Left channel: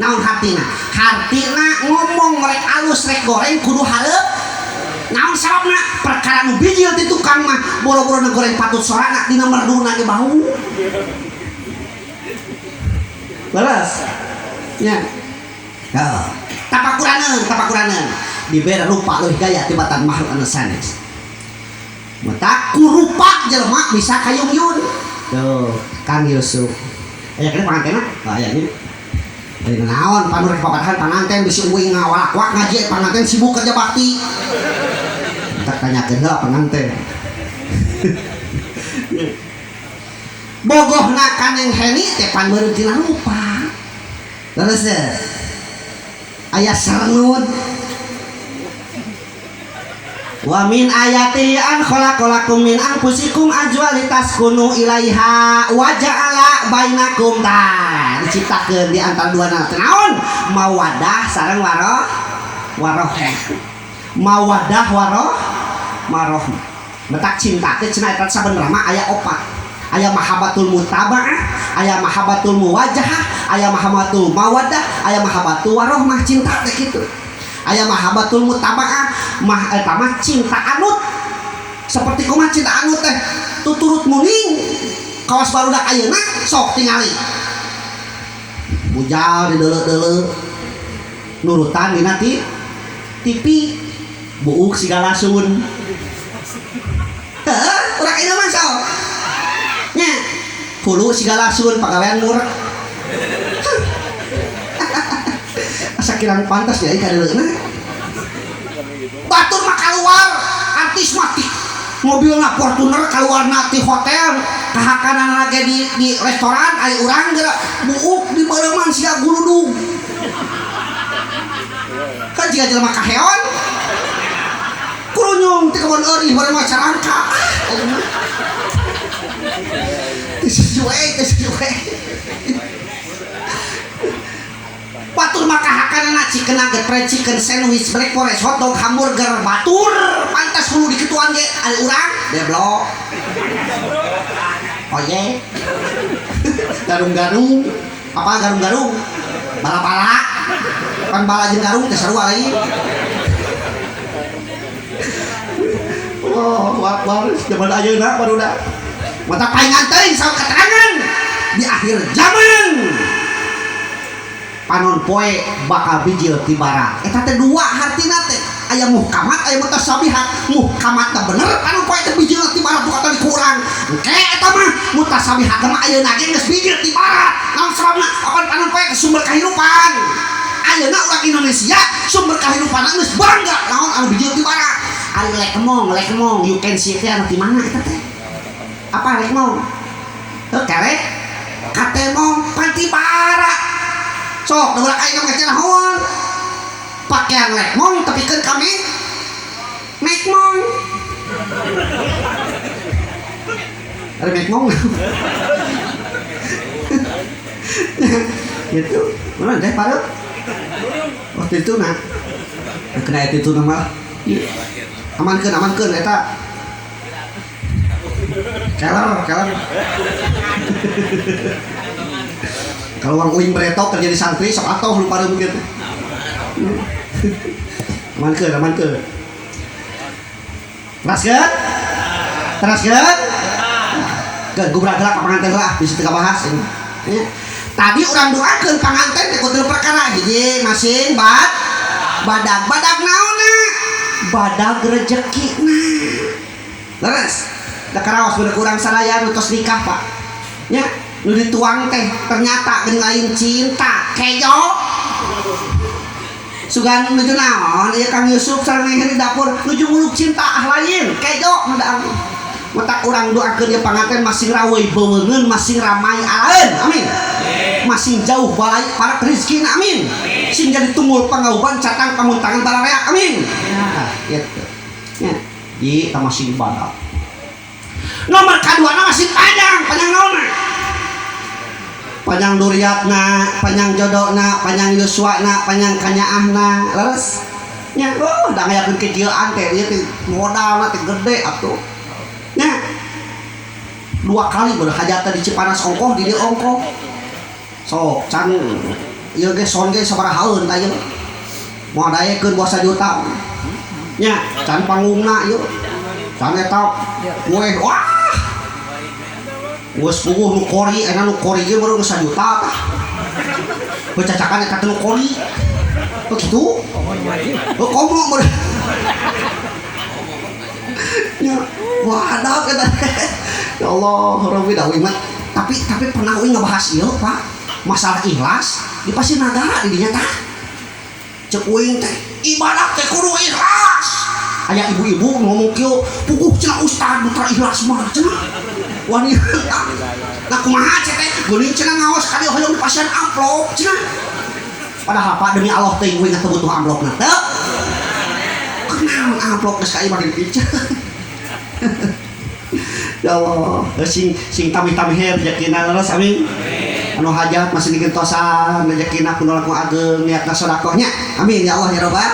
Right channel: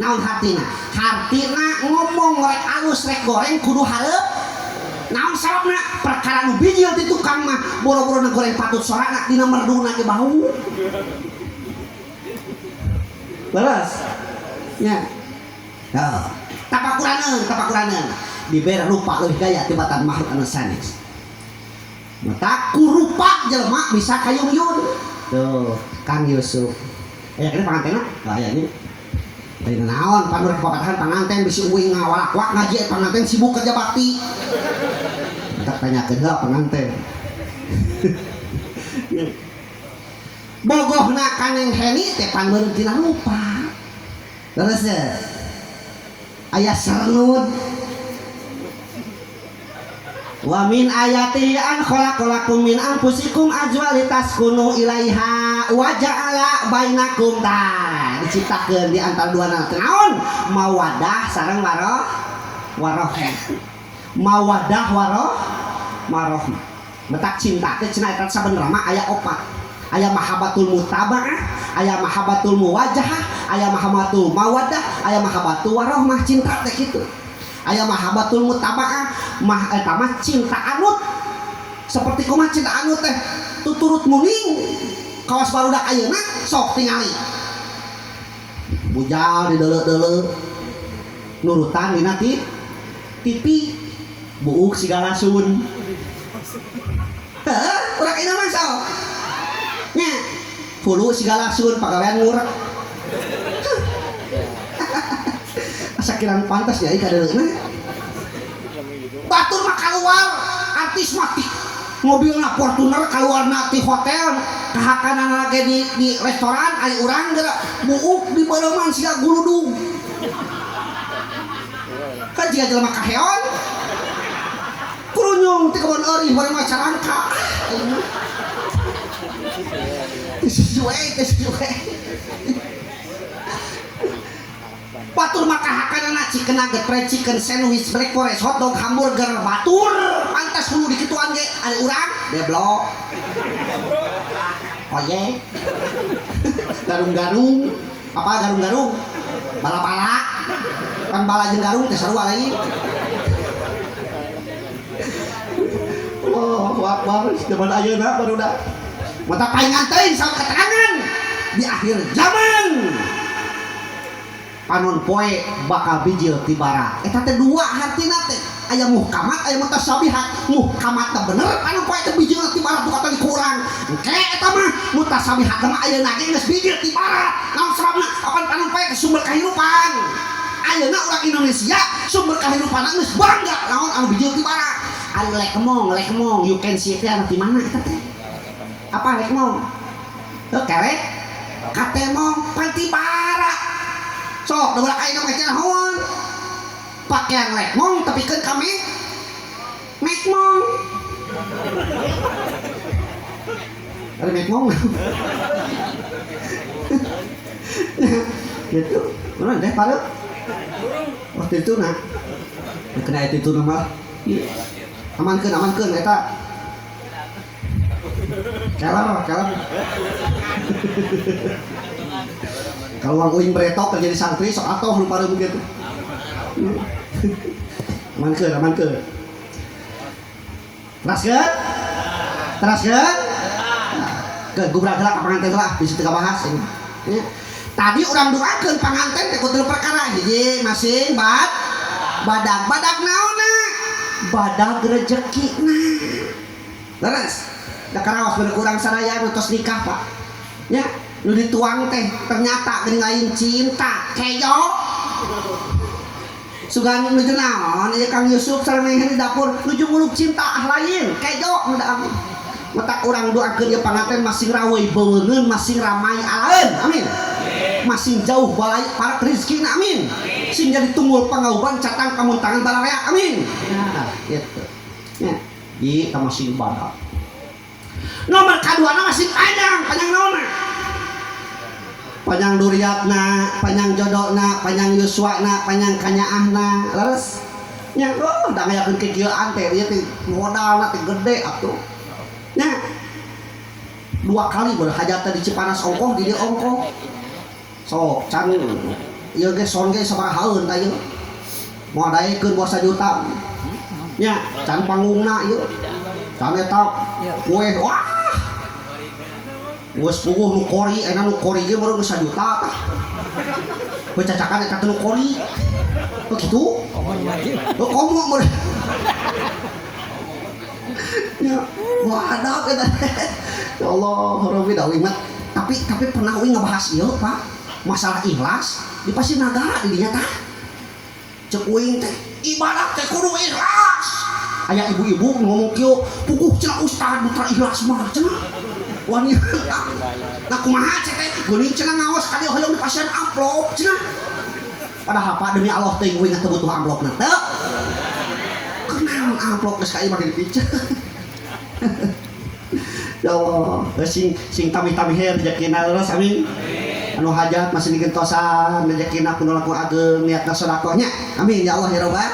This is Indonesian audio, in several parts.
naon hartina ngomong rek alus rek goreng kudu hareup naon sababna perkara nu bijil ti tukang mah boro-boro goreng patut sorangan dina merduna ge bau leres nya tapakuraneun dibere rupa leuwih gaya tibatan makhluk anu sanes mata kurupa jelema bisa kayung-yung tuh Kang Yusuf aya kana pangantena aya nya dari naon panu rek pakatahan panganten bisi uing ngawalak-wak ngaji panganten sibuk kerja bakti tak tanyakeun heula panganten bogohna kaneng heni teh pan meureun tina rupa leres aya sarnud wa min ayati an khalaqalakum min anfusikum azwajan litaskunu ilaiha wa ja'ala bainakum diciptakeun di antara dua naon mawaddah sareng warohmah mawaddah warohmah betak cinta teh cenah eta sabenerna mah aya opat aya mahabbatul mutaba'ah aya mahabbatul muwajahah aya mahabbatul mawaddah aya mahabbatul warohmah cinta teh kitu aya mahabbatul mutaba'ah eta mah cinta anut seperti kumaha cinta anut teh tuturut muning kawas barudak ayeuna sok tingali bujal di deuleu-deuleu nurutan dina TV buuk sigala sun heuh urang ieu mah sok nya pulu sigala sun pagawean murah asa kirang pantas ya ka deuleuna batur mah keluar artis mati mobilna Fortuner keluar na ti hotel kahakanan lagi di restoran ari urang geura buuk di beureman sia guludug kan jika jelema kaheon kurunyung ti kawan eueuh bareng maca angka sesuai batur maka hakanana chicken nugget fried chicken sandwich breakfast hotdog hamburger batur pantas kudu diketuan ge ari urang deblok oye garung-garung apa garung-garung bala-bala kan bala jeung garung teh sarua lain oh wakbar zaman ayeuna barudak mata paingan teuing saha keterangan di akhir zaman panon poe bakal bijil ti bara eta teh dua hartina teh aya muhkamat aya mutasabihat muhkamat teh bener panon poe teh bijil ti bara bukan teh kurang engke eta mah mutasabihat mah ayeuna ge geus bijil ti bara naon sababna apan panon poe sumber kahirupan ayeuna urang Indonesia sumber kahirupan geus bangga naon anu bijil ti bara ari lekmong you can see teh anu ti mana eta teh apa lekmong teu kerek katemong panti bara sok udah kayak kamu cenah naon pakaian lekmong tapi kan kami mekmong dari mekmong gitu mana deh pada waktu itu nah kena itu nama amankeun eta kelar kalau orang uing beretok kerja di santri sok atoh lu pada mungkin amankeun teraskeun gubrak gerak panganten lah bisa teu bahas ya. Tadi urang doakeun panganten teh kudu perkara hiji masing badag naonna badag rezekina leres da karaos bener urang sadaya nu tos nikah Pak nya nu dituang teh ternyata geuning lain cinta kejo sugan nuju naon ieu Kang Yusuf sareng di dapur nuju muluk cinta lain kejo nu da matak urang doakeun ieu panganten masing raweuh beungeun masing ramai alaeun amin masing jauh balai para rezekina amin sing jadi tunggul pangauban catang kamuntangan bararea amin nah kitu nya di masing ibadah nomor kaduana masih panjang naonna panjang duriatna, panjang jodohna, panjang yuswana, panjang kanyaahna, leres. Nya, da ngayakeun kegilaan teh ieu teh modalna teh gede atuh. Nya. 2 kali beul hajatna di Cipanas ongkoh di dieu ongkoh. Sok can ieu ge son ge sabarahaeun ta ieu moal daekeun 2 juta nya can panggungna ieu can eta kue wah geus puguh nu kori ena nu kori ge baru 1 juta tah becacakan eta nu kori begitu komo meureun ya wadah kita ya Allah Rabbi dawi mah tapi pernah uing ngebahas ieu Pak masalah ikhlas di pasti nagara di dinya tah cek uing teh ibadah teh kudu ikhlas aya ibu-ibu ngomong kieu puguh cenah ustad putra ikhlas mah cenah wanita nah kumaha cek teh geuning cenah ngaos kali hoyong di pasien amplop cenah padahal Pak demi Allah teh uing teh butuh amplopna teh kenal amplop geus ka ieu bari dipiceun ya Allah sing tami-tami her rezekina leres amin anu hajat masih digentosan rezekina kudu laku ageng niatna sedekahnya amin ya Allah ya Rabbal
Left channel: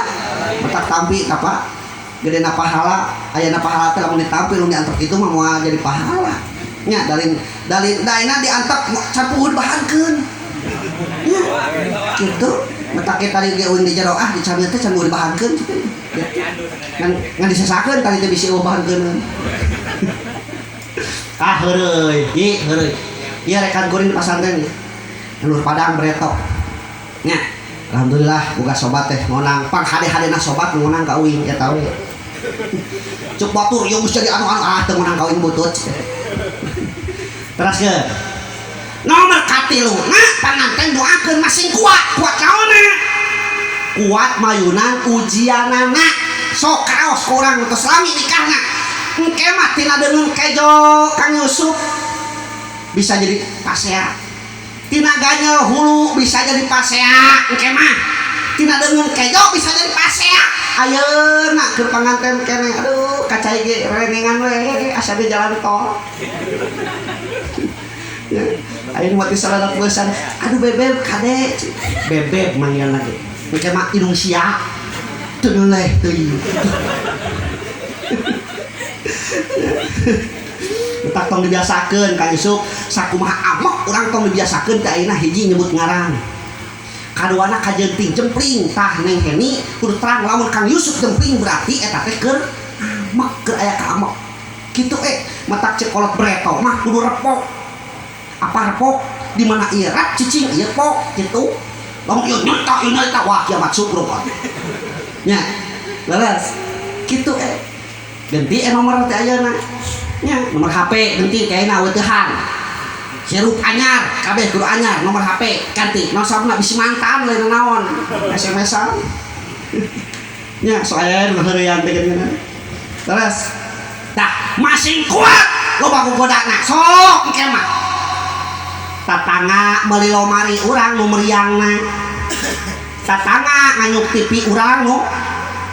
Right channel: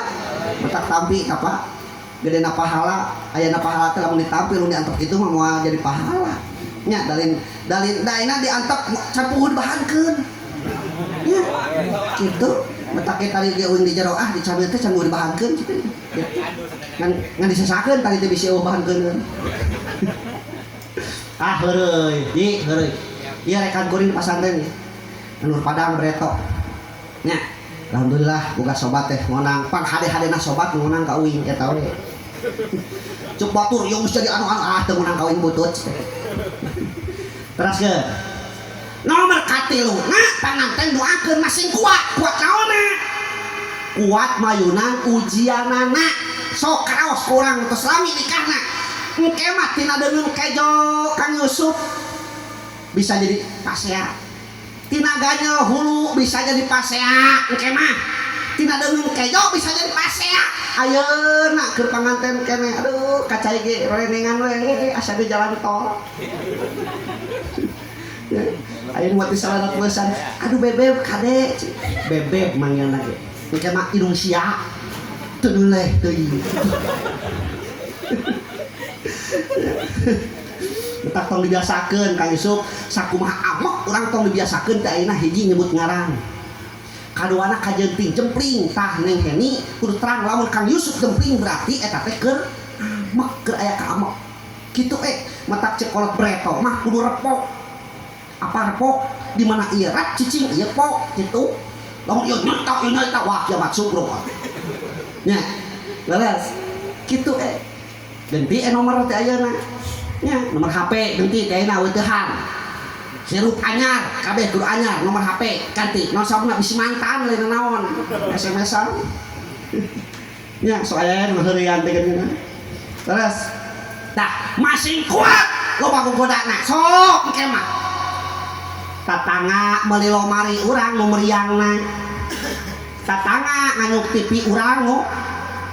matak tampi apa gedena pahala ayana pahala teh lamun ditampi lamun diantok kitu mah moal jadi pahala nya dalin daina diantok campuhun bahankeun ya kitu matak kita tadi ge uing di jero dicamil teh can mau dibahankeun kitu ngan disesakeun tadi teh bisi bahankeun heureuy ieu rekan kuring di pasantren ieu Nur Padang Breto nya alhamdulillah boga sobat teh ngonang pang hade-hadena sobat ngonang ka uing eta we cuk batur ieu geus jadi anu teu ngonang ka uing butut terus ge nomor katiluna panganten doakeun masing kuat naonna kuat mayunan ujianana sok kaos kurang geus lami nikahna engke mah tina deungeun kejo Kang Yusuf bisa jadi pasea tina ganyel hulu bisa jadi pasea engke mah tina deungeun kejo bisa jadi pasea ayeuna keur panganten keneh aduh kacai ge renengan we asa di jalan tol ya ayeuna mati saladat beusan aduh bebeb kade bebeb manggilna ge engke mah hidung sia teu leh teuing tak tong dibiasakeun Kang Yusuf sakumaha amok urang tong dibiasakeun teh ayeuna hiji nyebut ngaran kaduana kajenting jempling tah Neng Heni kudu terang lamun Kang Yusuf jempling berarti eta teh keur amok keur aya ka amok kitu matak cekolot breto mah kudu repok apa repok di mana ieu rat cicing ieu pok kitu lamun ieu nyata wah kiamat sukruk nya leres kitu ganti nomor teh ayeuna nya nomor HP ganti teh ayeuna weutehan sirup anyar kabeh kudu anyar nomor HP ganti nosona bisi mantan lain naon SMS-an nya so aya nu heureuyan teh geuningan terus tah masing kuat loba gogodana sok engke mah tatangga meuli lomari urang nu meriangna tatangga nganyuk TV urang nu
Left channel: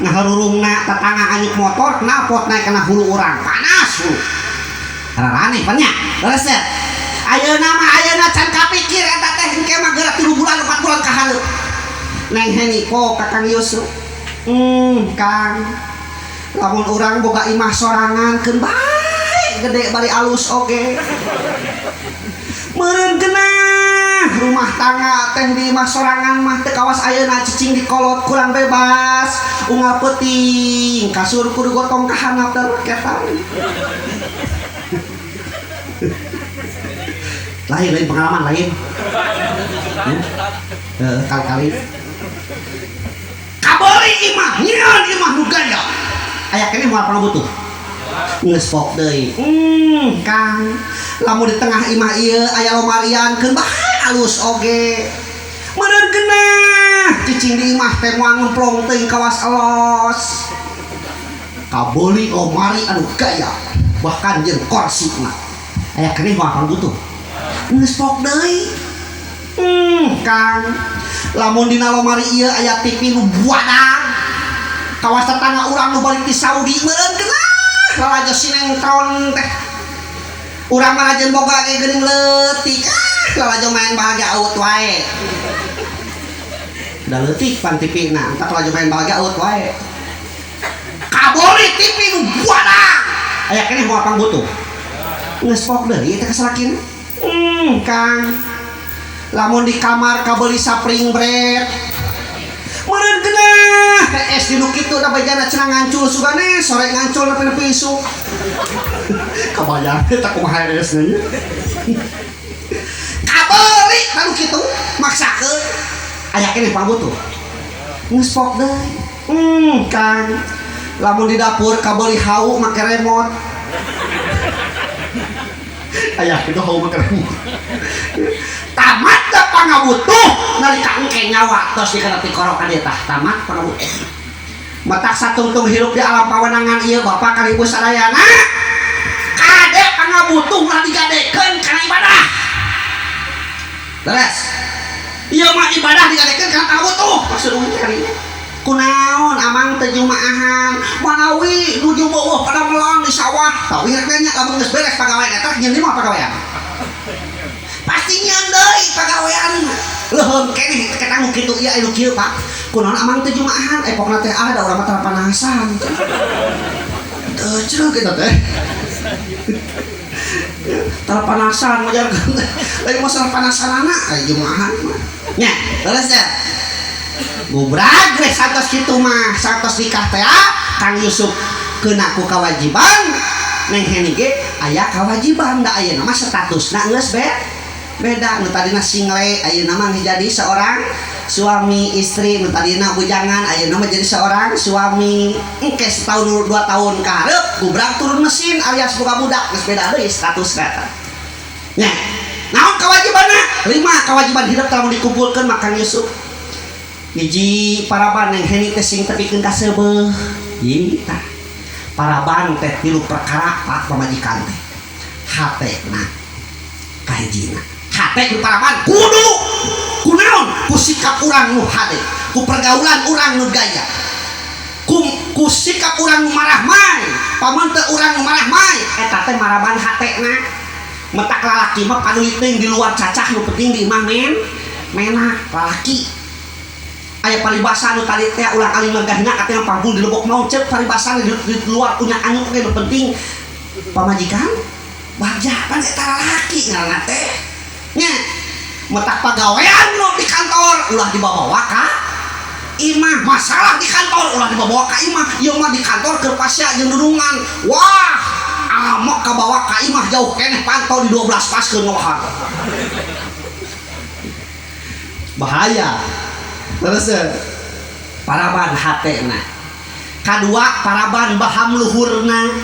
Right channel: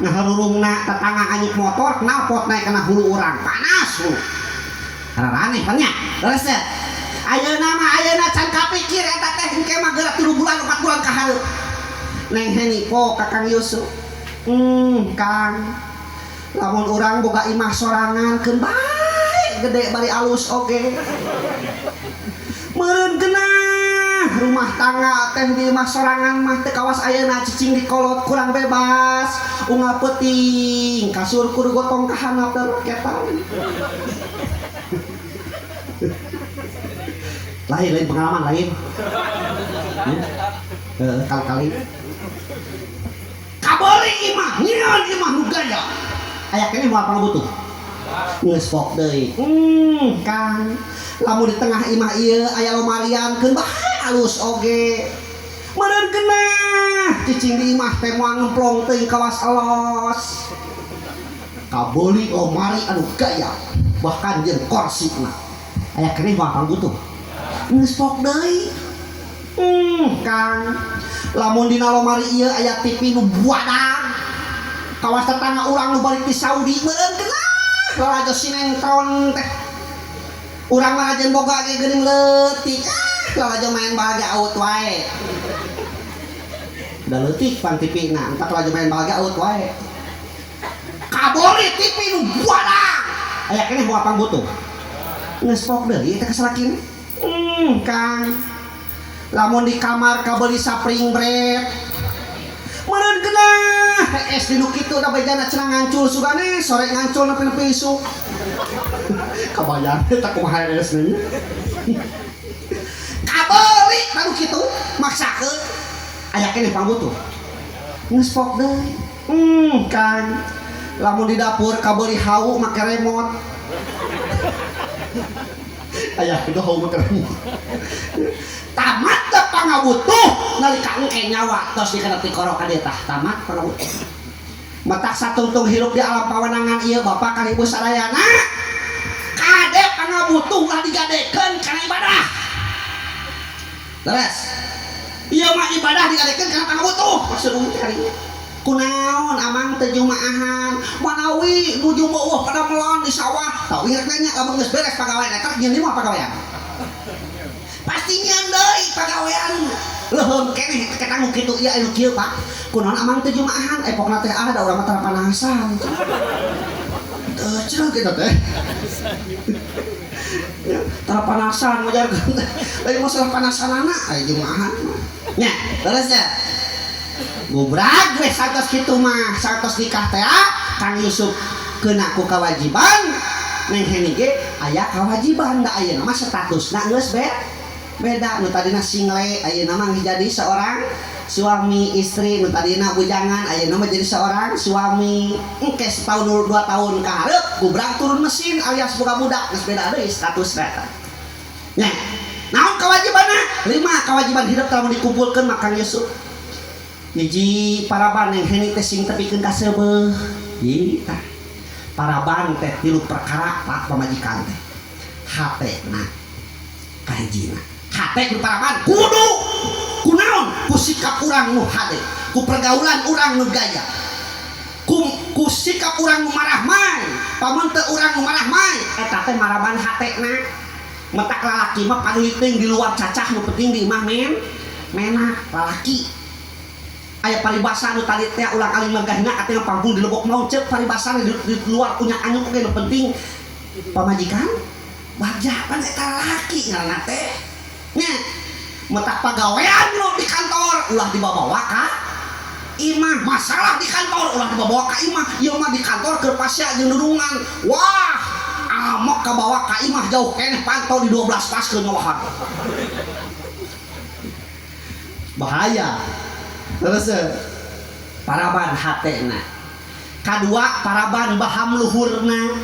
ngaharurungna tetangga anyuk motor knalpot naik kana hulu urang panas lu aneh panya terus ya ayeuna can kapikir eta teh engke mah geura 3 bulan 4 bulan ka hareut Neng Heni po ka Kang Yusuf Kang lamun urang boga imah sorangan keun bae gede bari alus oge meureun geunah rumah tangga teh di imah sorangan mah teh kawas ayeuna cicing dikolot kurang bebas unggal peuting kasur kudu gotong ka handap teh ketan lain pengalaman lain kali-kali kabeli imah nyeun imah nu gaya aya keneh moal pernah butuh geus pok deui Kang lamun di tengah imah ieu aya lomarian keun bae alus oge meureun geunah cicing di imah teh moal ngemplong teuing kawas elos kabeli lomari anu gaya bahkan jeung korsina aya keneh moal pernah butuh geus pok deui Kang lamun dina lomari ieu aya TV nu buadang kawas tetangga urang nu balik ti Saudi meureun geunah lalajo sinetron teh urang mah lajeun boga ge geuning leutik lalajo main bahagia aut wae da leutik pan TV-na entak lalajo main bahagia aut wae kabori TV nu buadang aya keneh moal pang butuh geus pok deui teh kasalakin Kang lamun di kamar kabeli spring bread meureun geunah es di nu kitu da bajana cenah ngancul sugane sore ngancul nepi isu kabayang eta kumaha es nya kabeli baru kitu maksakeun aya keneh pangbutuh geus pok deui Kang lamun di dapur kabeli hau make remote aya kitu hau make remote tamat da pangabutuh nalika engke nyawa tos dikeuna ti korokan ieu tah tamat pangabutuh matak satungtung hirup di alam pawenangan ieu Bapak kali ibu sadayana kade pangabutuh ulah digadekeun kana ibadah beres ieu mah ibadah digadekeun kana pangabutuh maksud urang kali kunaon amang teu jumaahan manawi nuju beueuh pada melon di sawah tau ieu nya lamun geus beres pagawean eta nyeun di mah pagawean pastinya deui pagawean leuheum keneh kita nu kitu ieu anu kieu Pak kunaon amang teu jumaahan epokna teh ada urang mah terpanasan teu ceuk kita teh terpanasan majarkeun teh lain masalah panasanana aya jumaahan nya terus ya gubrag geus satos kitu mah satos nikah teh Kang Yusuf keuna ku kewajiban neng heni ge aya kewajiban da ayeuna mah statusna geus beda nu tadina single ayeuna mah jadi seorang suami istri nu tadina bujangan ayeuna mah jadi seorang suami engke setahun 2 tahun ka hareup gubrag turun mesin alias boga budak geus beda deui statusna nya naon kewajibanna 5 kewajiban hidup lamun dikumpulkeun mah Kang Yusuf hiji paraban yang heni teh sing tepikeun ka seubeuh ieu tah paraban teh 3 perkara Pak pamajikan teh hatena kahijina hate ku paraban kudu kunaon ku sikap urang nu hade ku pergaulan urang nu gaya ku sikap urang nu marah main pamun teu urang nu marah main eta teh maraban hatena metak lalaki mah panuliting di luar cacah nu penting di imah menak lalaki aya paribasa nu tadi teh ulang aling megahna katanya panggung di lebok mau cek paribasa di luar punya anu teh nu penting pamajikan wajah kan eta lalaki ngaranna teh nya metak pagawean lu di kantor ulah dibawa ka imah masalah di kantor ulah dibawa ka imah ieu mah di kantor keur pasya jeung dudungan wah amok kabawa ka imah jauh keneh pantau di 12 pas keunyohan bahaya terus paraban hatena kadua paraban baham luhurna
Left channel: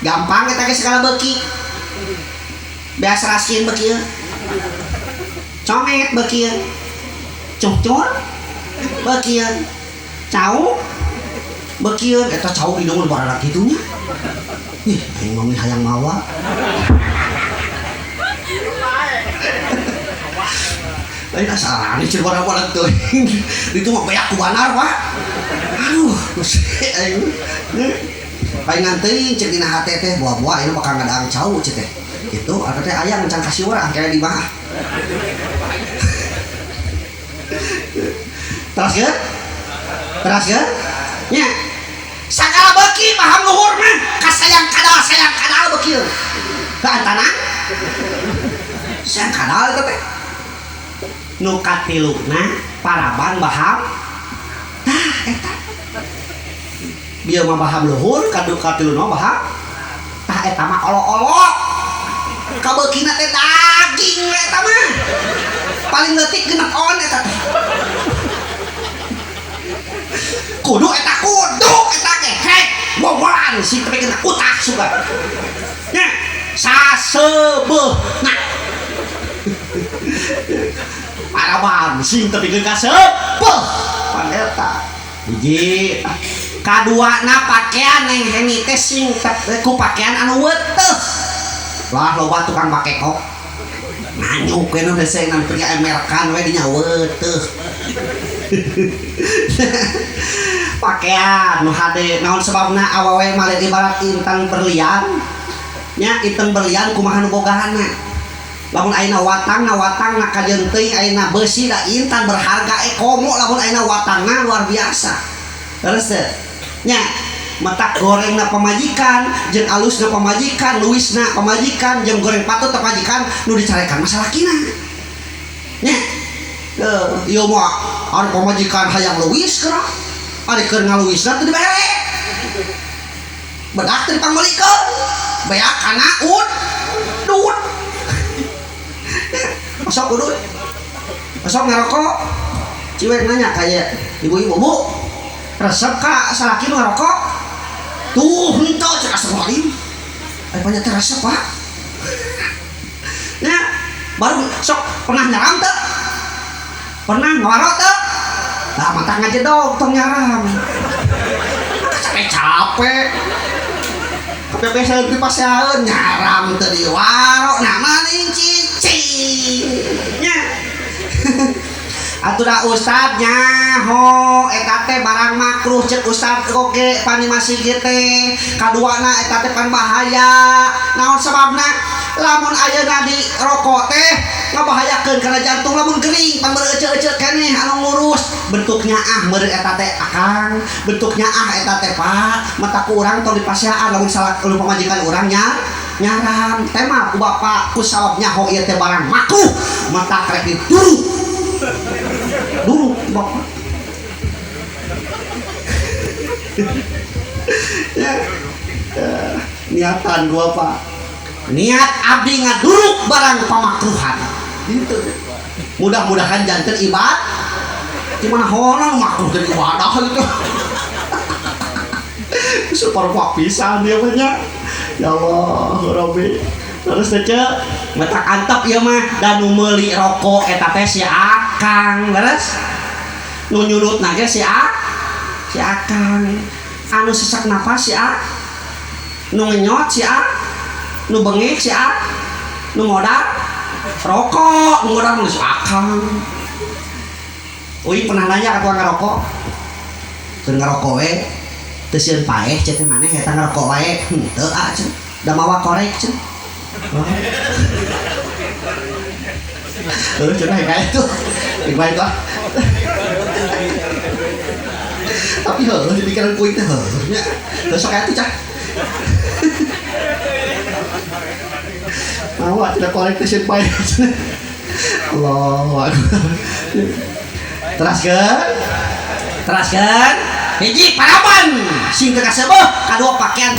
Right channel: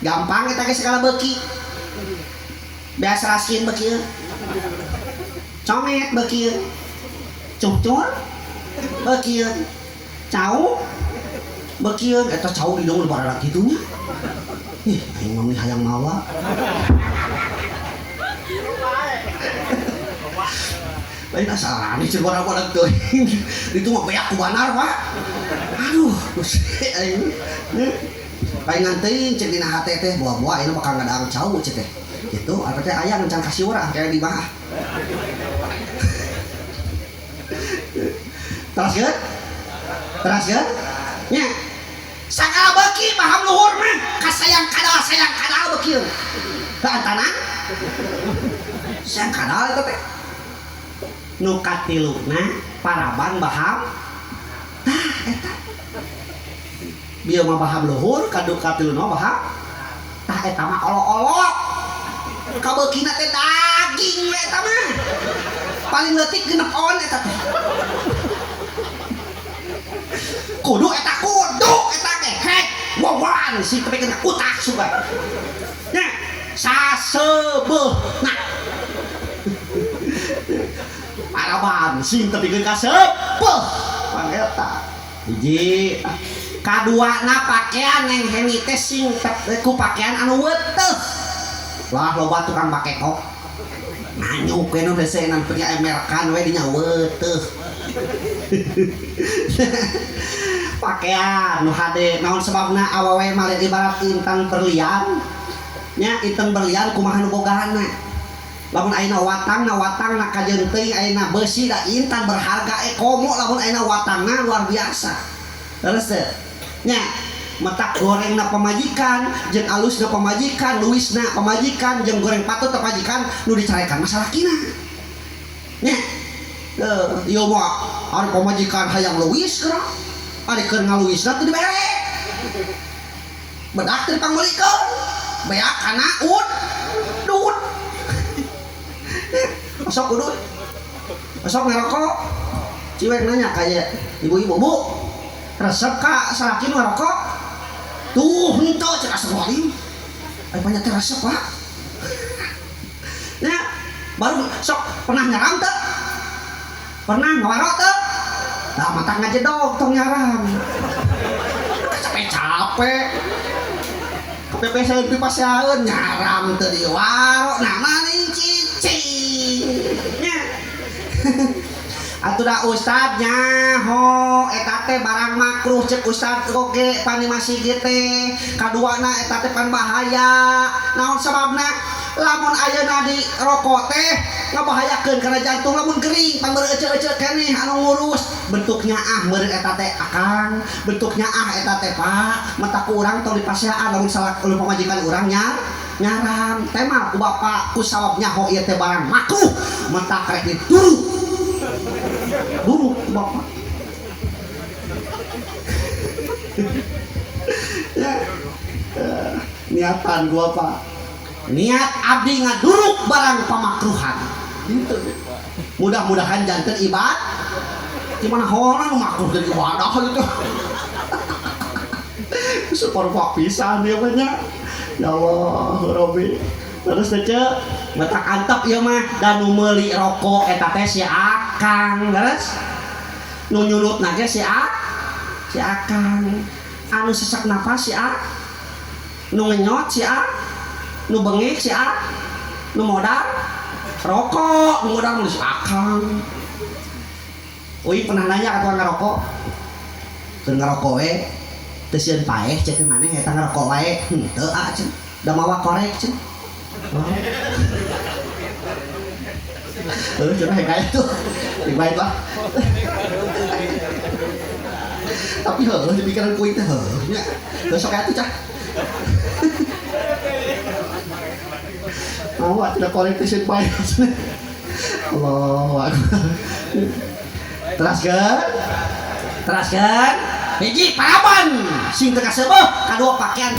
gampang eta ge segala beuki biasa rasin beuki comet beuki cucur beuki cau beuki eta cau di deung barana kitunya ih aing mah hayang mawa lain asal ini cerita orang tuh itu mah banyak kubanar Pak aduh aing paling ngantein cek dina hate teh buah-buah ini bakal ngadang cau cek teh itu apa teh aya ngencang kasih urang kaya di mah terus ya nya sagala beuki paham luhur mah kasayang kadal beuki ka antana sayang kadal teh nu katiluna paraban baham tah eta bieu mah baham luhur kadu katiluna baham tah eta mah olo-olo kabeukina teh daging we eta mah paling leutik genep on eta teh kudu eta ge hek bobolan sing teh kena utak suga nya sasebeuna paraban sing tepikeun ka seupeuh paneta hiji kaduana pakaian yang heni teh sing ku pakaian anu weuteuh lah loba tukang make kok nanyuk we nu hese nan pria emerkan we dinya weuteuh pakaian nu hade naon sababna awewe male ibarat intan berlian nya intan berlian kumaha nu bogana lamun ayeuna watang na kajeun teuing ayeuna beusi da intan berharga komo lamun ayeuna watangna luar biasa terus nya metak gorengna pamajikan jeung alusna pamajikan luisna pamajikan jeung goreng patut pamajikan nu dicarekan masalah kina nya ieu mah ari pamajikan hayang leuwis kera ari keur ngaluwisna teu dibere bedak teu dipangbelikeun beak kana duit masuk udut masuk ngarokok ciwek nanya kayak ibu-ibu bu resep kak salaki ngarokok tuh henteu cek astagfirullahaladzim banyak resep pak ya baru sok pernah nyaram tuh pernah ngewarok tuh nah mata ngajedog tong nyaram capek kepepesan pipaseun nyaram teu di warok nah maning cicing nya atuh da ustad nyaho eta teh barang makruh cek ustad oge panimasi ge teh kaduana eta teh pan bahaya naon sababna lamun ayeuna di rokok teh ngabahayakeun kana jantung lamun gering pan beureuh eceu-eceu keneh anu ngurus bentuknya meureun eta teh akang bentuknya eta teh pak mata ku urang tong dipasiaan lamun salah pamajikan urang nyaram teh mah ku bapak ku sabab nyaho ieu teh barang makruh mata karek dituru dulu bapak ya, niatan gua pak niat abdi ngaduruk barang pamakruhan gitu mudah-mudahan janten ibadah gimana orang makruh jadi ibadah gitu super pak pisan dia banyak ya Allah Rabbi terus aja mata antep ieu mah dan nu meuli rokok eta teh si akang leres nu nyurutna ge si akang anu sesak napas si nu ngenyot si nu bengek si nu modal rokok nu modal nu si akang uing pernah nanya ka tukang ngarokok keur ngarokok we teu sieun paeh cek teh maneh eta ngarokok wae henteu cenah da mawa korek cenah cenah kayak itu baik lah tapi di pikiran kuing teh nya sok atuh cah mau tidak korek teh sieun paeh Allahu akbar teraskeun hiji paraban sing teu kaseueuh kadua pakaian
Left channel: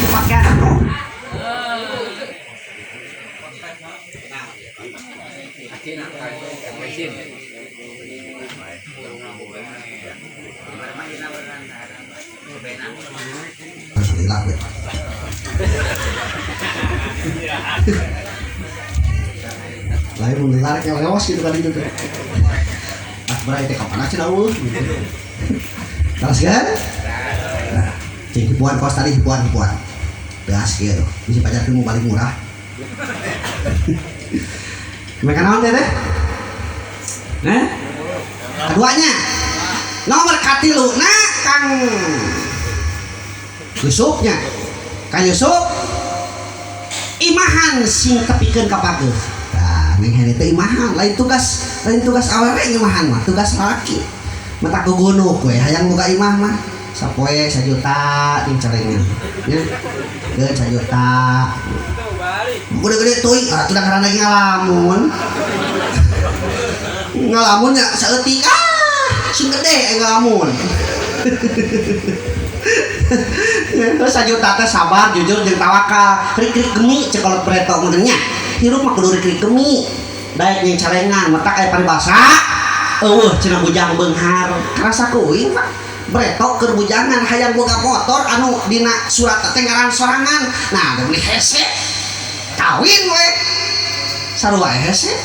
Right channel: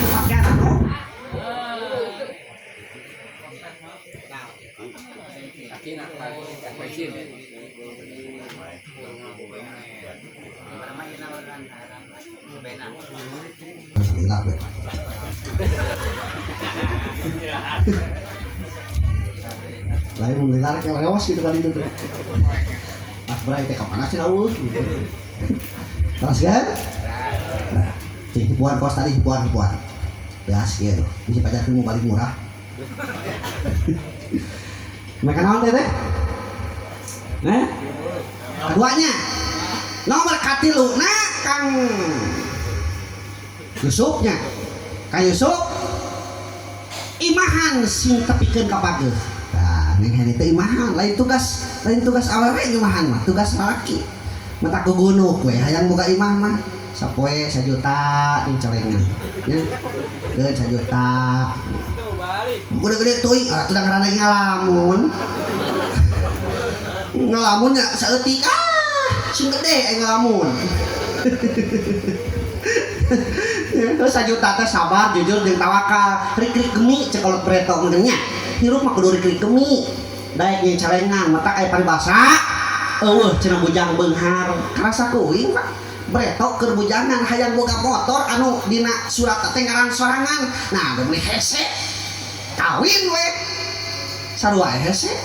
lain mendengar kayak lewas gitu kali itu pas berai teh kapan aja dawuh terus kan nah hibuan kos tadi hibuan belas gitu bisa pajak ilmu paling murah mereka naon teh keduanya nomor katilu nah Kang Yusufnya Kang Yusuf imahan sing tepikeun ka bageus nah neng hene teh imahan lain tugas awewe imahan mah tugas laki mata ku gunuk we hayang boga imah mah sapoe 1 juta di celengan nya geun 1 juta gede-gede teuing udah karena lagi ngalamun nya saeutik sing gede ngalamun terus 1 juta teh sabar jujur jeung tawakal krik gemi cek kolot breto menengnya hirup mah kudu krik gemi daek jeung calengan mata aya paribasa eueuh cenah bujang beunghar rasa kuing Pak breto keur bujangan hayang boga motor anu dina surat teh ngaran sorangan nah beli hese kawin we sarua hese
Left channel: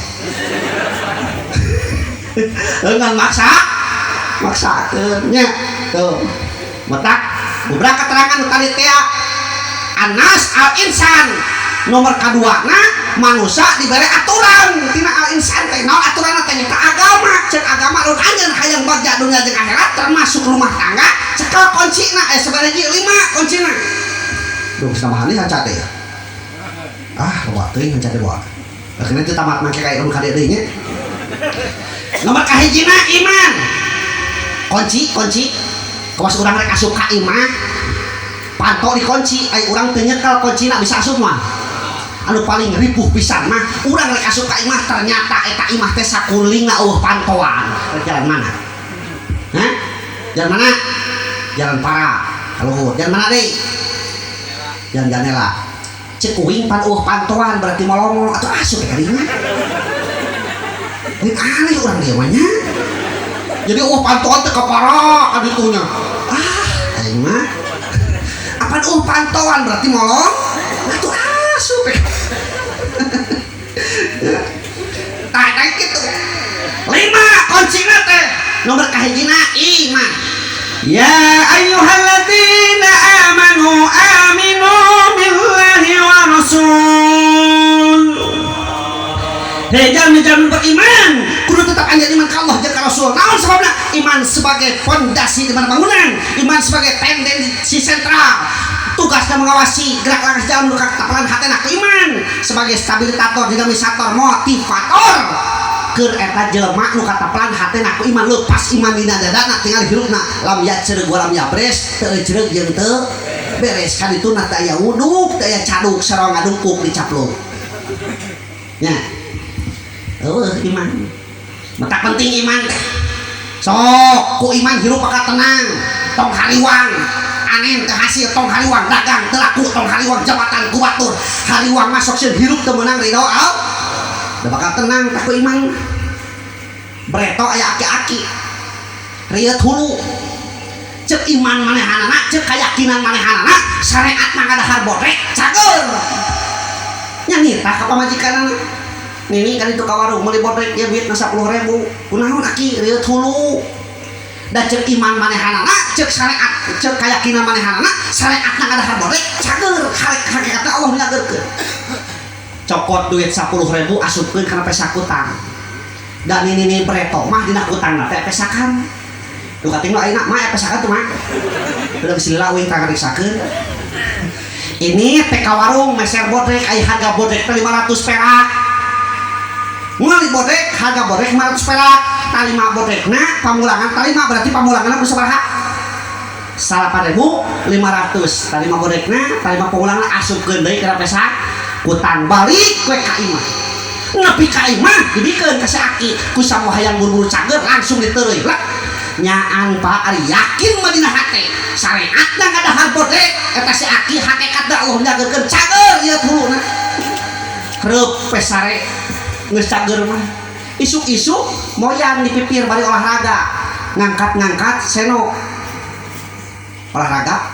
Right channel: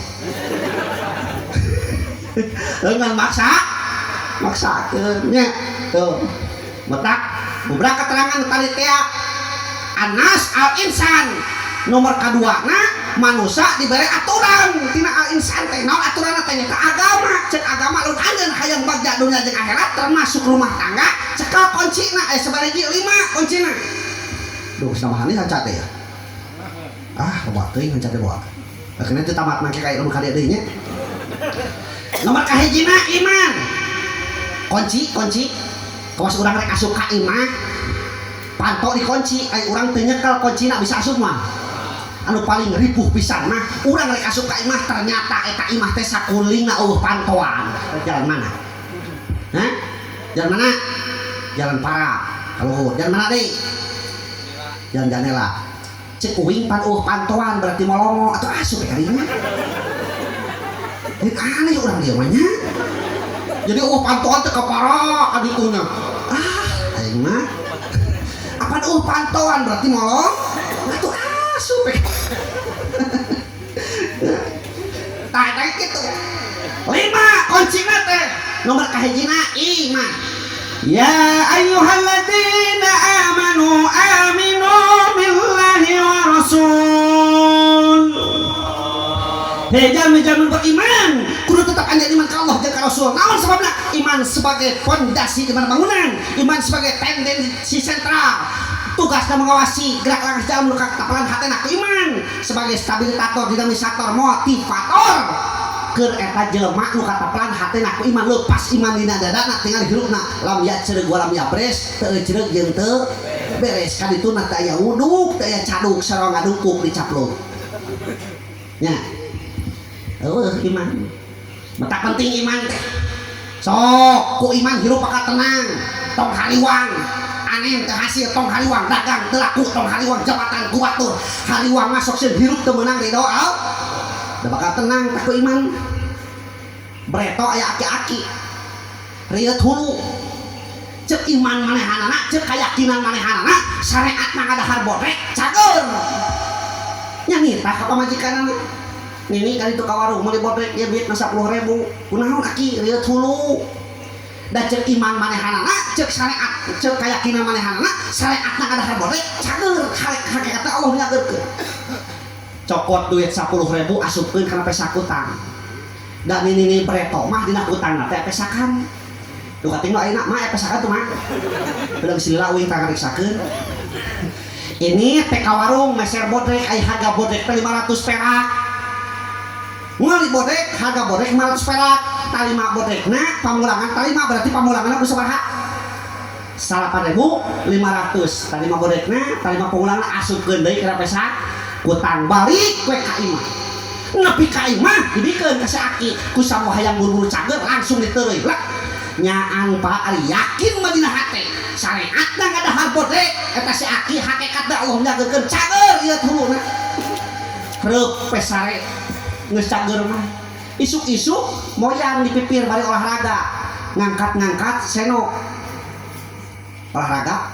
dengan maksakeun nya tuh metak beberapa keterangan panitia Anas al-insan nomor kedua manusia diberi aturan tina al-insan teh naon aturanna teh nyata agama cek agama lun anjeun hayang bagja dunia jeung akhirat termasuk rumah tangga cekel kuncina sabaraha 5 kuncina duh samahan ieu haca teh loba teuing haca teh bawa akhirnya teu tamat make kayak nomor kade deui nya nomor kahijina iman kunci kawas urang rek asup ka imah panto dikunci ai urang teu nyekel kuncina bisa asup mah anu paling ripuh pisan mah urang rek asup ka imah ternyata eta imah teh sakulingna pantoan. Jalan mana? Hah? Jalan mana? Jalan para kaluhur. Jalan mana deui? Jalan Janela. Cek uing pan pantoan berarti molongo atau asup ka dieu. Ini aneh urang dieu mah nya. Jadi pantoan teh kapara aditunya. Aing mah apa pantoan berarti molong atuh asup. Tah kitu. 5 kuncina teh nomor kahijina iman. Ya ayyuhalladzina amanu aminu billahi wa rasul. Hei jamin beriman kudu tetap anjeun iman ka Allah jeung ka Rasul. Naon sababna? Iman sebagai fondasi di mana bangunan, iman sebagai tendensi sentral. Tugasnya mengawasi gerak-gerak jalan nu katapalan hatena iman sebagai stabilisator, dinamisator, motivator. Keur eta jelema nu katapalan hatena ku iman leupas iman dina dadana tinggal hirupna lam ya ceureuh lam ya beres teu ceureuh jeung teu beres ka ditu na teu aya wuduk teu aya caduk sareng ngadungkuk dicaplok. Nya. Iman. Mata penting iman teh. Sok ku iman hirup paka tenang, tong haliwang. Angin ke hasil tong haliwang dagang telaku tong haliwang jabatan kubatur haliwang masuk sih hirup teu meunang ridho da bakal tenang tak iman breto aya aki-aki riet hulu cek iman manehanana cek keyakinan manehanana syariat mah ada harbodrek cager nya ngitah ka pamajikanana nini kan itu ka warung meuli bodrek ya duit 10.000 kunaon aki riet hulu dan cek iman manehanana cek syariat cek keyakinan manehanana syariat nang ada harbodek cager hakikatna Allah nyageurkeun cokot duit 10.000 asupkeun kana pesa kutang dan ini breto mah dina kutangna teh pesakan duh kating ayeuna mah pesakan tuh mah belum silila uing tang riksakeun ini teh ka warung meser bodrek aya harga bodrek 500 perak mulai bodrek harga bodrek 500 perak talima bodrekna pamulangan talima berarti pamulanganna bersabaraha 8.500 talima bodrekna talima pamulangan asupkeun deui kana pesa utang balik we ka imah nepi ka imah dibikeun ka si aki ku samoha hayang buru-buru cager langsung diteureui lah nyaan Pak ari yakin mah dina hate syariatna ngadahar bodrek eta si aki hakikatna Allah nyageurkeun cager ieu tuluna reup pesare geus cager mah isuk-isuk moyan dipipir bari olahraga ngangkat seno olahraga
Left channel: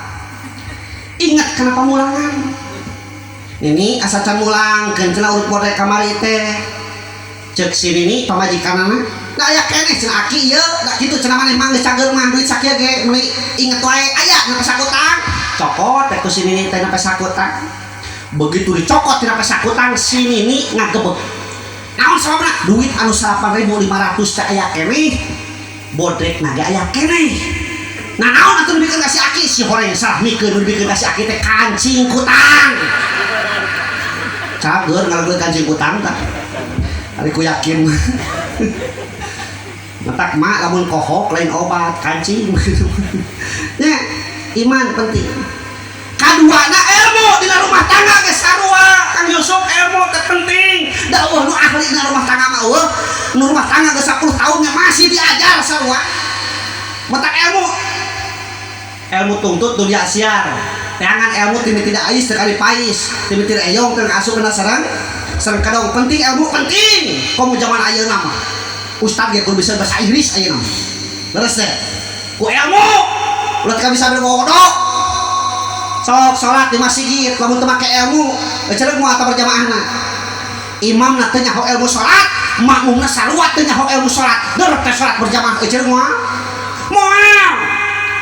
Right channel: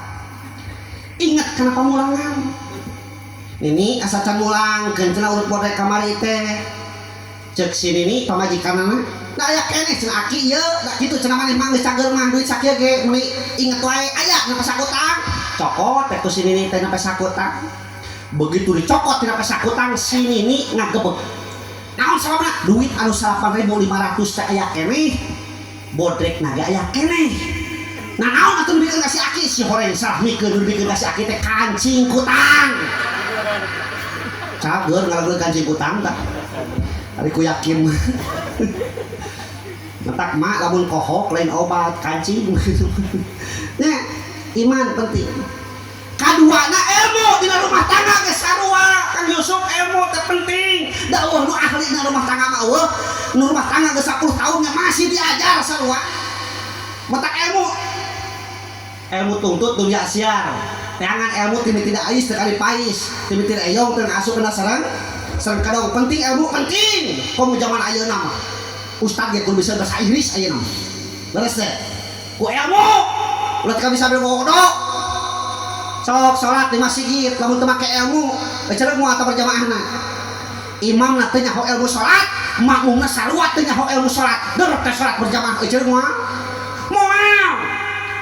ingat kena pamulangan ini asa can mulang kencana urut bodrek kamari teh cek sini nih pamajikanana da aya keneh cenah aki ieu da kitu cenah maneh mah geus cager mah duit sakieu ge meuli inget wae aya na pesakutang cokot teh ku sini nih teh na pesakutang begitu dicokot tina pesakutang sini nih ngagebeg naon sababna duit anu 8.500 teh aya keneh bodrek na ge aya keneh nah naon atuh dibikeun ka si aki si horeng salah mikeun dibikeun ka si aki teh kancing kutang cager ngalageun kancing kutang tah ari ku yakin matak mak lamun kohok lain obat kancing nya iman penting kaduana ilmu dina rumah tangga ge sarua Kang Yusuf ilmu teh penting da eueuh nu ahli dina rumah tangga mah eueuh nu rumah tangga ge 10 tahunnya masih diajar sarua matak ilmu tuntut dunia siar jangan ilmu tidak ais sekali pais timiti eyong teu asup kana sareng kadang penting ilmu penting komo zaman ayeuna mah ustad ge kudu bisa bahasa Inggris ayeuna beres teh ku ilmu ulah teu bisa berbodo sok salat di masjid lamun teu make ilmu ceureuh moal eta berjamaahna imam na teu nyaho ilmu salat makmumna saruat teu nyaho ilmu salat deur teh salat berjamaah ceureuh moal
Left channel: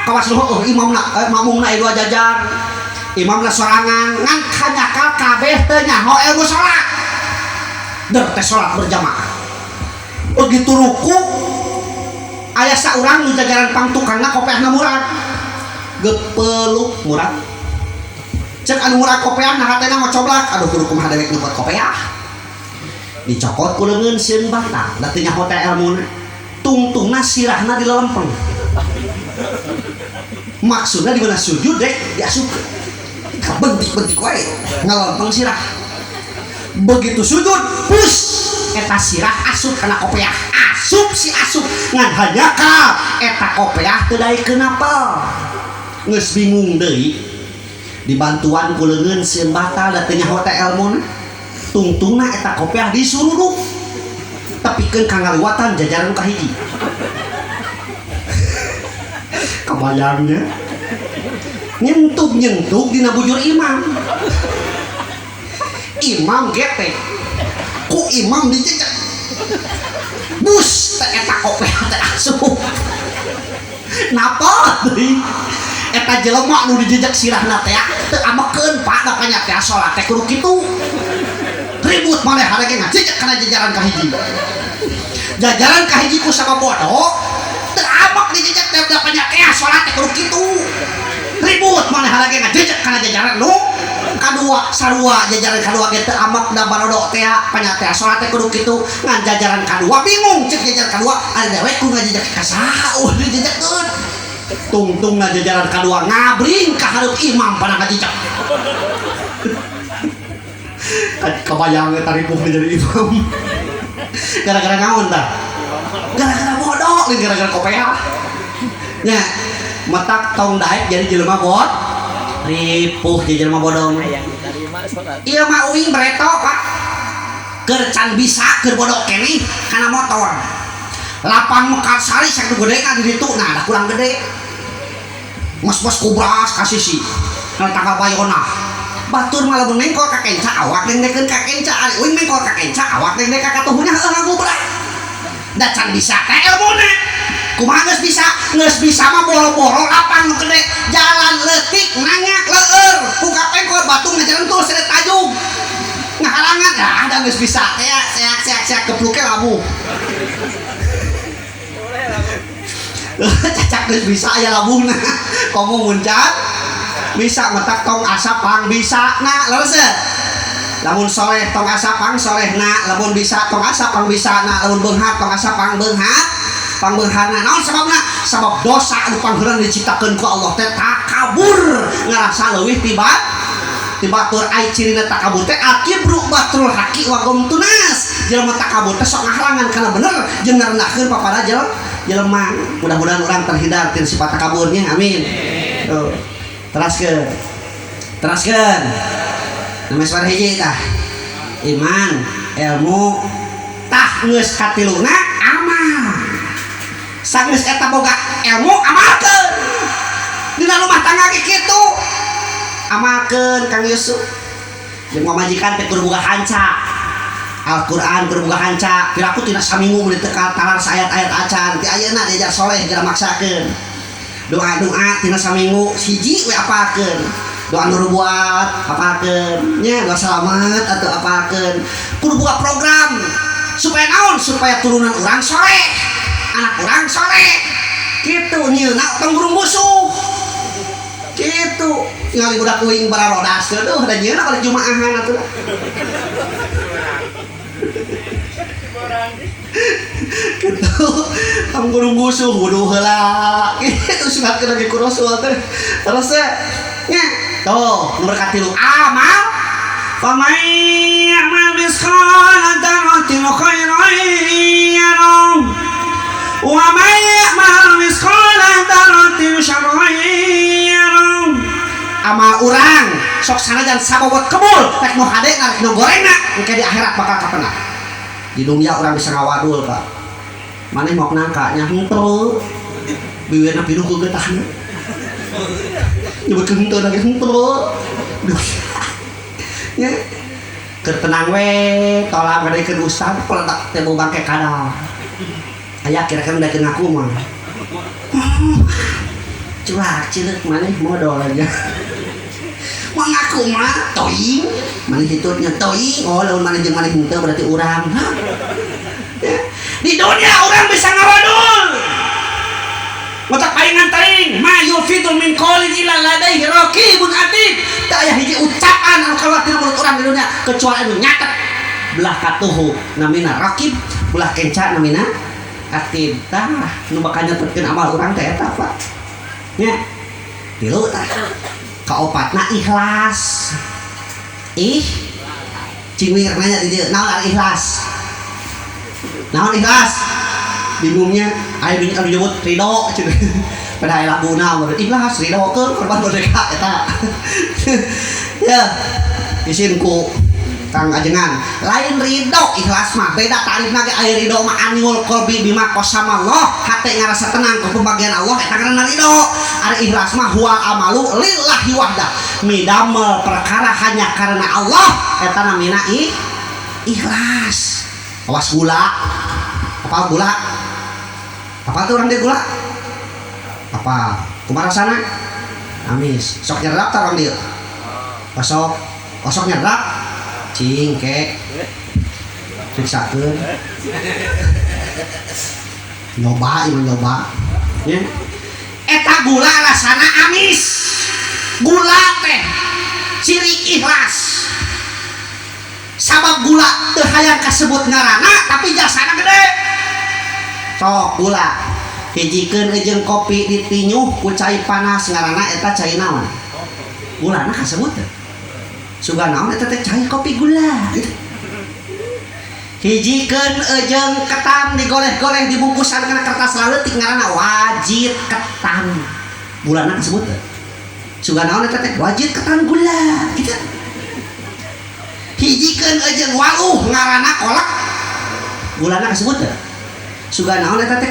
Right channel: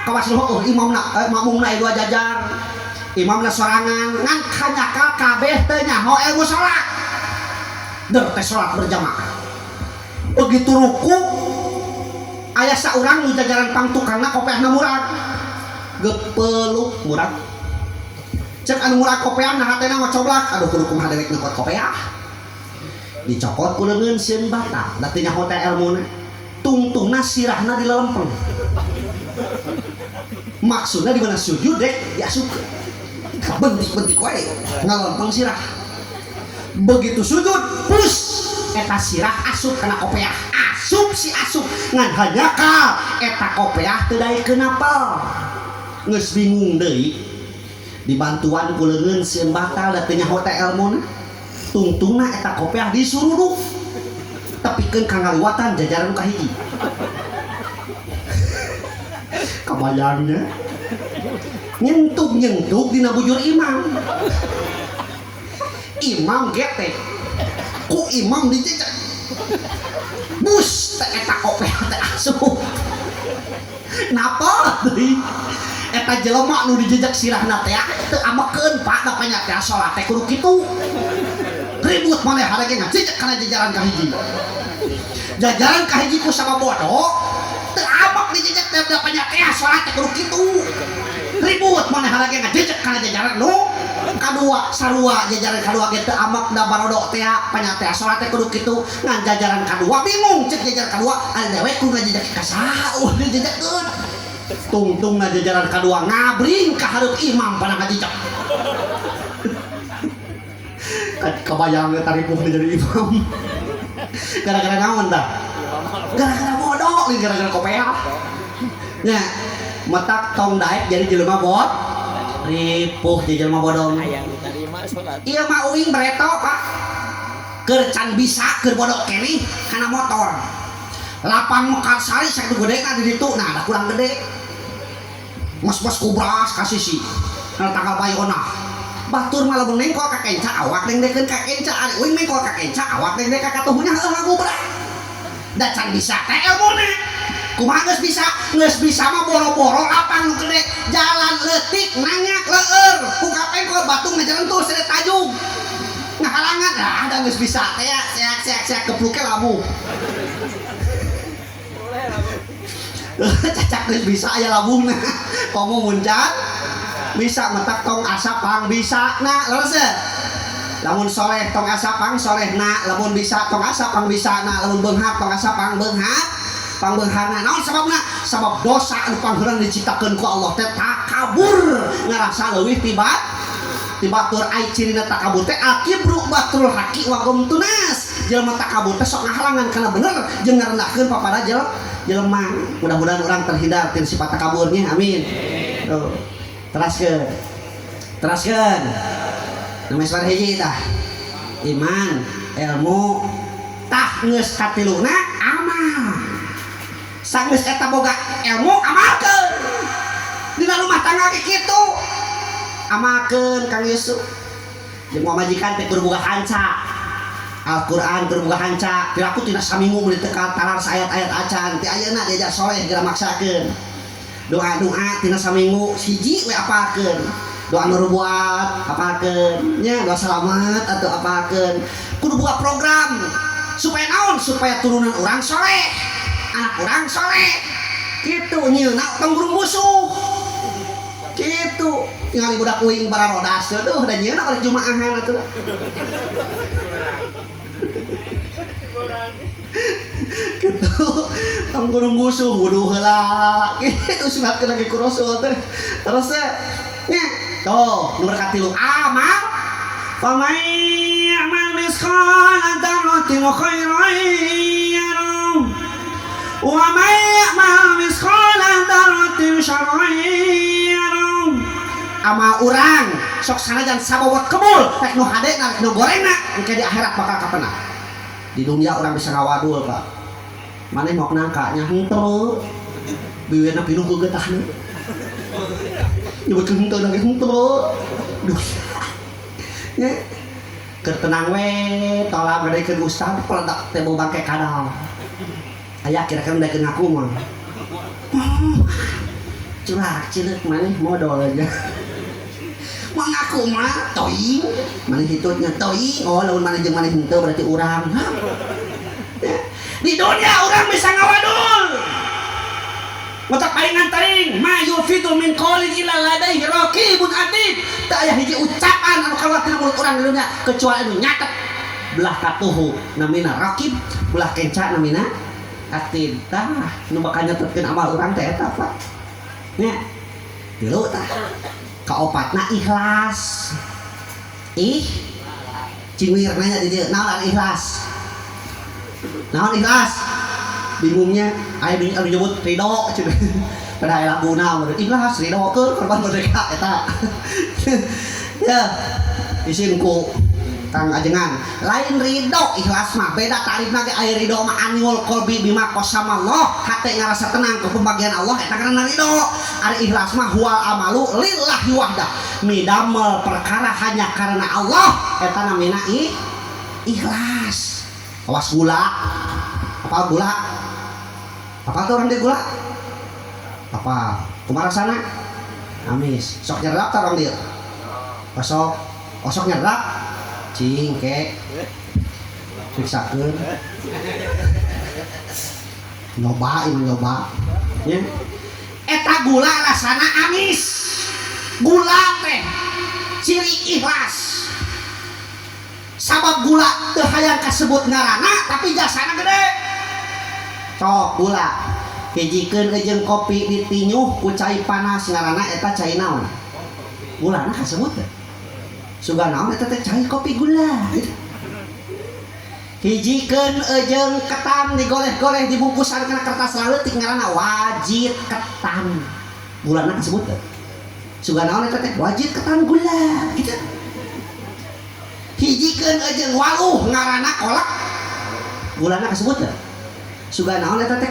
kawas luhur imamna makmumna aya 2 jajar imamna sorangan ngan kanyakal kabeh teu nyaho ilmu salat deur teh salat berjamaah begitu ruku aya saurang nu jajaran pangtukangna kopiahna murag gepeluk murag cek anu murag kopiah nah hatena ngocoblak aduh kudu kumaha dewek nyopot kopiah dicokot ku leungeun sieun bata da teu nyaho teh ilmuna tungtungna sirahna dilelempeng maksudnya di mana sujud dek diasupkeun bentik-bentik wae ngalempeng sirah begitu sujud pus eta sirah asup kana kopiah asup si asup ngan hanyaka eta kopiah teu daek kenapa geus bingung deui dibantuan ku leungeun sieun batal da teu nyaho teh elmuna tungtungna eta kopiah disuruduk tepikeun ka ngaluatan jajaran kahiji kebayangnya nyentuk dina bujur imam getek ku imam dijejak bus eta kopiah teh asup napa deui eta jelema nu dijejak sirahna teh teu amekeun pak da kanya teh salat teh kudu kitu ribut maneh harage ngajejak kana jajaran kahiji ku sama bodoh teu amek dijejak teh da kanya teh salat teh kudu kitu ribut maneh harage ngajejak kana jajaran nu kadua sarua jajaran kadua ge teu amek da barodok teh panya teh salat teh kudu kitu ngan jajaran kadua bingung cek jajaran kadua ada dewe ku ngajejak ka saeuh dijejekkeun tungtung jajaran kadua ngabring ka hareup imam pada ngajejak kebayang eta ripuh jadi imam gara-gara naon tah gara-gara bodoh gara-gara kopiah nya metak tong daek jadi jelema bot ripuh jadi jelema bodong iya mah uing bereto pak keur can bisa keur bodoh keneh kana motor lapang mekar sari sak gede ka di ditu nah da kurang gede mos-mos kubras kasih si kana tanggal bayona batur malah mengkol ka kenca awak dengdekeun ka kenca ari uing mengkol ka kenca awak dengdek ka katuhunya heuh ngagubrak da can bisa teh elmuna kumaha geus bisa mah boro-boro lapang nu gede jalan leutik nanyak leueur buka pengkol batu ngajaran tuh sere tajung ngahalangan ada geus bisa teh seak kepluke labu cacak geus bisa aya labungna komo muncat bisa metak tong asapang bisa na lereseuh lamun soleh tong asapang solehna lamun bisa tong asapang bisa na lamun beunghar tong asapang beunghar pangbeunghana naon sababna sabab dosa anu pangheureun diciptakeun ku Allah teh takabur ngarasa leuwih tibatur ai cirina takabur teh akibru batrul haqi wa gumtunas jelema takabur teh sok ngahalangan kana bener jeung ngarendahkeun papada jelema mudah-mudahan urang terhindar ti sifat takaburnya amin tuh teraskeun nomor suara hiji tah iman ilmu tah geus katiluna amal sanggeus eta boga ilmu amalkeun dina rumah tangga ge kitu amalkeun Kang Yusuf jeung majikan teh kudu boga hanca Al-Qur'an kudu boga hanca piraku tina saminggu meuli teu kalar ayat-ayat acan ti ayeuna diajar soleh geura maksakeun doa-doa tina saminggu hiji we apakeun doa nurubuat apakeun nya doa selamat atau apakeun kudu boga program supaya naon supaya turunan urang soleh anak urang soleh kitu nyieuna tong burung busuk kitu ningali budak uing bararodas tuh da nyieuna balik jumaahan atuh gitu tong burung busuk wudu heula kitu sunatkeun lagi ku Rasul teh terus nya tuh nomor katilu amal faman ya'mal misqala dzarratin khairan yarah wa man ya'mal misqala dzarratin syarran yarah amal urang sok sanajan sabobot kebul rek nu hade rek nu gorengna engke di akhirat bakal kapenah di dunia urang bisa ngawadul Pak maneh mau nangka nya henteu biweuna pinuh ku getahna nyebutkeun henteu lagi henteu nya keur tenang we tolak ngadekeun ustad peledak teh bau bangke kadal aya kira-kira udah ngaku mah curah cilik maneh modal aja mau ngaku mah toing maneh hitutnya toing oh lamun maneh jeung maneh henteu berarti urang di dunia urang bisa ngawadul matak palingan teuing ma yufidu min qaulin illa ladaihi raqibun atid teu aya hiji ucapan anu kaluar ti mulut urang di dunia kecuali anu nyatet belah katuhu namina raqib belah kenca namina atid tah nu bakal nyatetkeun amal urang teh eta Pak nya tilu tah kaopatna ikhlas cingwir nanya di dia naon ari ikhlas naon ikhlas bingungnya aya bingung anu nyebut ridho cenah pada aya laguna ikhlas ridho keur korban merdeka eta ya isinku Kang Ajengan lain ridho ikhlas mah beda tarifna ge aya ridho mah anul qalbi bima qasama Allah hate ngarasa tenang ke pembagian Allah eta ngaranna ridho ari ikhlas mah huwal amalu lillahi wahdah midamel perkara hanya karena Allah eta namina ikhlas awas gula apa gula apa tuh orang dia gula apa kumaha rasana amis sok nyerap ta orang dia kosok nyerap cingke periksakeun nyoba ya eta gula rasana amis gula teh ciri ikhlas sabab gula teu hayang kasebut ngaranna tapi jasana gede sok gula hijikeun jeung kopi ditinyuh ku cai panas ngaranna eta cai naon gulana kasebut teh suga naon eta teh cai kopi gula hijikeun jeung ketan digoleh-goleh dibungkusan kana kertas leutik ngaranna wajit ketan gulana kasebut teh suga naon eta teh wajit ketan gula gitu hijikeun jeung waluh ngaranna kolak gulana kasebut teh suga naon eta teh